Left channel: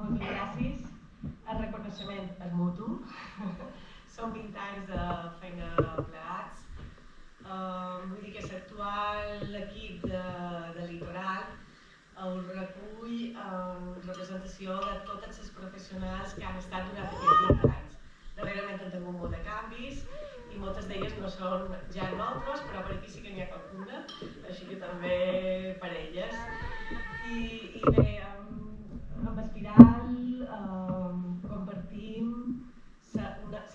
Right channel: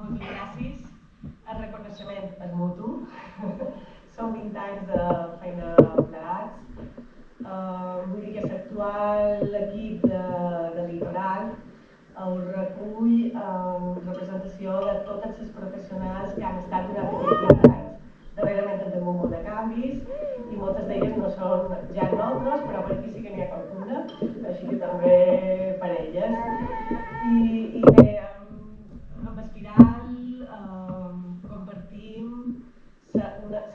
Moltes gràcies. El reconeixement és mutu. Són 20 anys de feina plegats. Vull dir que l'actual equip de Litoral el recull en representació de totes les professionals que han estat durant aquests 20 anys. Darrerament hem tingut molt de canvis i moltes d'elles no són ja nosaltres, però per aquí sí que n'hi ha qualcuna, així que també per elles. I bé, amb Espiral compartim la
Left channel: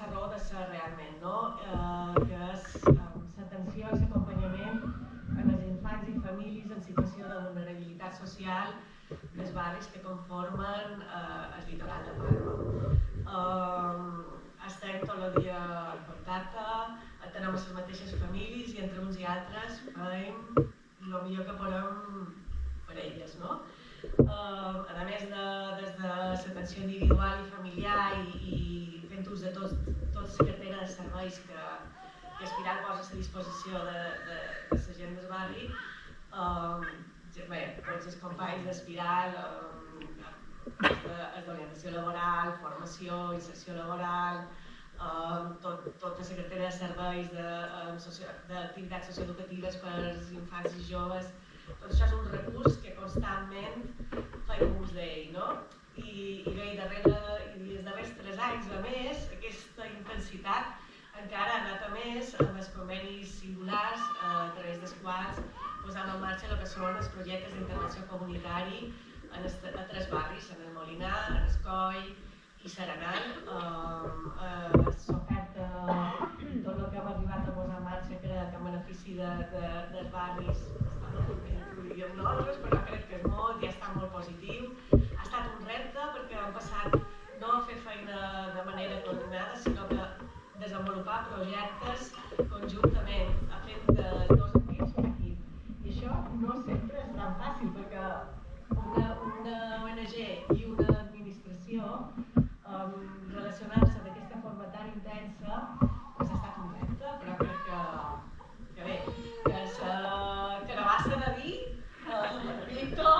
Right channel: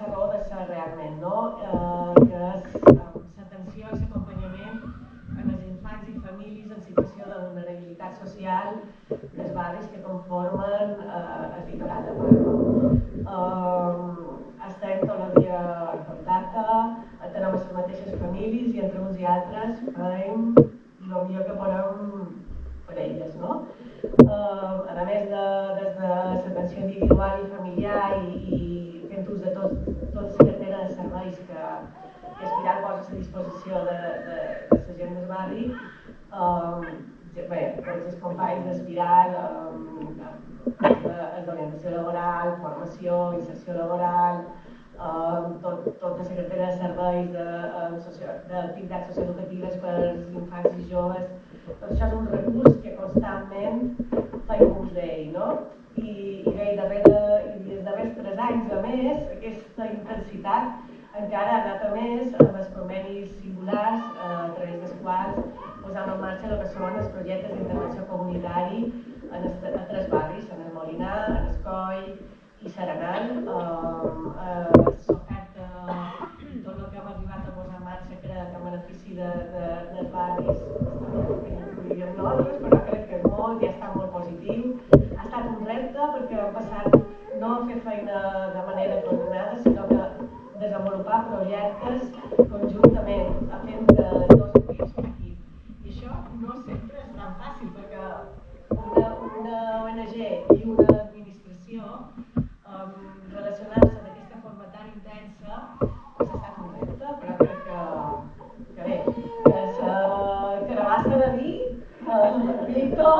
raó de ser realment, no? Que és l'atenció i l'acompanyament en els infants i famílies en situació de vulnerabilitat social dels barris que conformen el litoral de Palma. Estem tot el dia en contacte, tenim les mateixes famílies i entre uns i altres fem el millor que podem per elles, no? A més des de l'atenció individual i familiar i fent ús de tota la cartera de serveis que Espiral posa a la disposició de la gent del barri, bé, tots els companys d'Espiral, d'orientació laboral, formació, inserció laboral, tota la cartera de serveis d'activitats socioeducatives per als infants i joves. Tot això és un recurs que constantment fem ús d'ell, no? I bé, els darrers 3 anys, a més, aquesta intensitat encara ha anat a més amb els convenis singulars, a través dels quals posam en marxa el que són els projectes d'intervenció comunitari a 3 barris, en el Molinar, en Escoi i Serenal. S'oferta tot el que hem arribat a posar en marxa, crec que en benefici dels barris, incluïm nosaltres, però crec que és molt i ha estat molt positiu. Ha estat un repte perquè hem passat no a fer feina de manera coordinada, sinó que desenvolupar projectes conjuntament, fent de 2 equips un equip. I això no sempre és tan fàcil, perquè una ONG i una administració relacionar-se d'aquesta forma tan intensa ha estat un repte, però crec que bé, que la carabassa de vi, Víctor,